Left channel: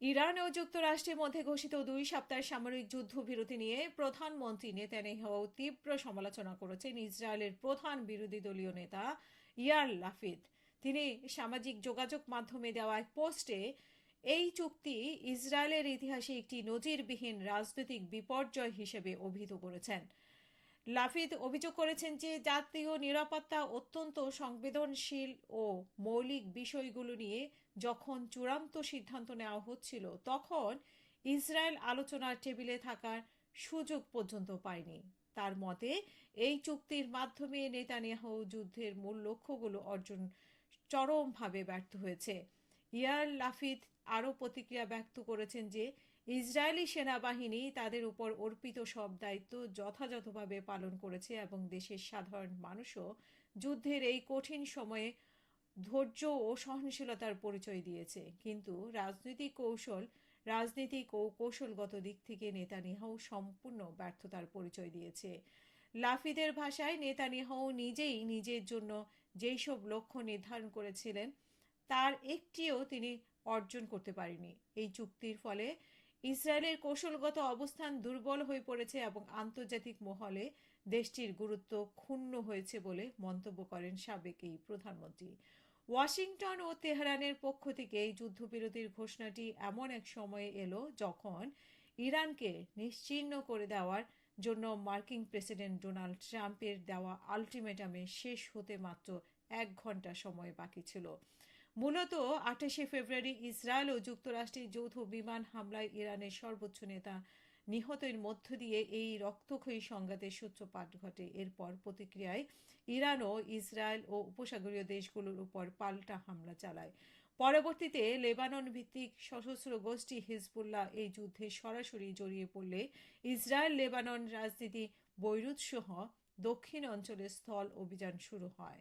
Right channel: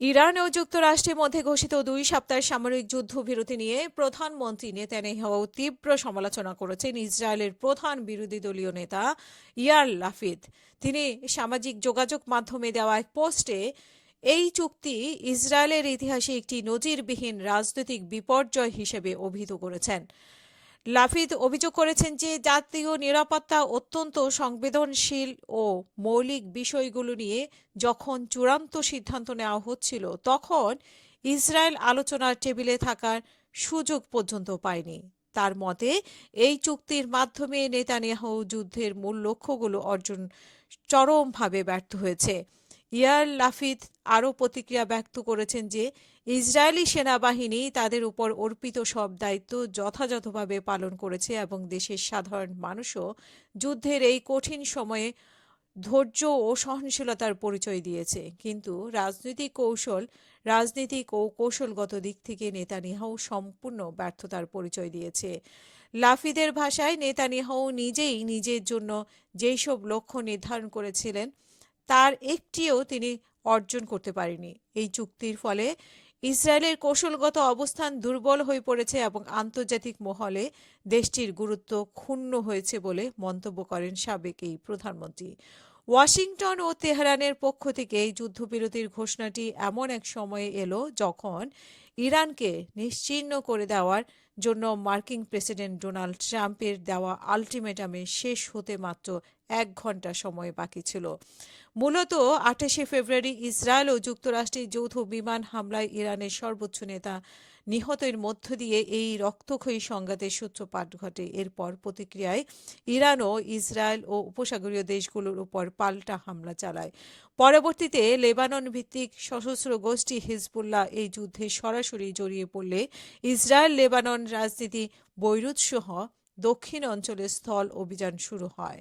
Iran ও যুক্তরাষ্ট্রের মধ্যে ঘোষিত 2 সপ্তাহের সামরিক যুদ্ধবিরতি নিয়ে প্রধানমন্ত্রী নেতানিয়াহু তীব্র সমালোচনা করেছেন ইসরায়েলের প্রধান বিরোধী দলীয় নেতা ইয়ার লাফিদ। তিনি সামাজিক যোগাযোগ মাধ্যমে দেওয়া এক পোস্টে এই চুক্তি ইসরায়েলের ইতিহাসে একটি নজিরবিহীন রাজনৈতিক বিপর্যয় হিসেবে অভিহিত করেছেন। লাফিদ অভিযোগ করেছেন যে জাতীয় নিরাপত্তা অত্যন্ত সংবেদনশীল ও মৌলিক বিষয়গুলো নিয়ে যখন চূড়ান্ত সিদ্ধান্ত নেওয়া হচ্ছিল, তখন ইসরায়েল আলোচনার টেবিলে থাকার সুযোগ পর্যন্ত পায়নি। তার মতে, এই চুক্তির মাধ্যমে নেতানিয়াহু যুদ্ধের মূল লক্ষ্যগুলো অর্জন চরমভাবে ব্যর্থ হয়েছে। ইয়ার লাফিদ আরও প্রতিক্রিয়া ব্যক্ত করেছেন যে ইসরায়েলি সেনাবাহিনী তাদের উপর অর্পিত সব দায়িত্ব যথাযথভাবে পালন করেছে এবং দেশের সাধারণ মানুষও যুদ্ধের এই কঠিন সময়ে ধৈর্য ও সহনশীলতার পরিচয় দিয়েছে। কিন্তু রাজনৈতিক ও কৌশলগত দিক থেকে নেতানিয়াহু সম্পূর্ণ ব্যর্থতার পরিচয় দিয়েছে। লাফিদের ভাষায়, নেতানিয়াহু নিজেই নিজের জন্য যেই সব লক্ষ্য নির্ধারণ করেছিলেন তার একটিও তিনি অর্জন করতে পারেনি। এই চুক্তির ফলে ইসরায়েলের কৌশলগত অবস্থান দুর্বল হয়ে পড়েছে এবং আন্তর্জাতিক মহলে দেশটির গুরুত্ব ক্ষুণ্ণ হয়েছে বলে মন্তব্য করেন সাবেক এই প্রধানমন্ত্রী। ওয়াশিংটন ও তেহরানের পক্ষ থেকে এই যুদ্ধবিরতির ঘোষণাটি এমন এক সময়ে এলো যখন ইরানকে নিশ্চিহ্ন করে দেওয়ার জন্য মার্কিন প্রেসিডেন্ট ডোনাল্ড ট্রাম্পের দেওয়া আলটিমেটামে শেষ হতে মাত্র 1 ঘন্টা সময় বাকি ছিল। মূলত 28শে ফেব্রুয়ারি ইসরায়েল ও যুক্তরাষ্ট্রের যৌথ বিমান হামলায় ইরানের সর্বোচ্চ নেতা নিহতের মধ্য দিয়ে এই রক্তক্ষয়ী সংঘাতের সূত্রপাত ঘটে। এরপর প্রতিক্রিয়ায় ইরানও ইসরায়েল ও উপসাগরীয় দেশগুলোর উপর পাল্টা হামলা চালায়। পরবর্তীতে লেবানন ভিত্তিক সশস্ত্র গোষ্ঠী হিজবুল্লাহ এই যুদ্ধে সরাসরি জড়িয়ে পড়লে ইসরায়েল লেবানন রাজনীতি বৈরুত সহ দক্ষিণ অঞ্চলে স্থল অভিযান শুরু হয়।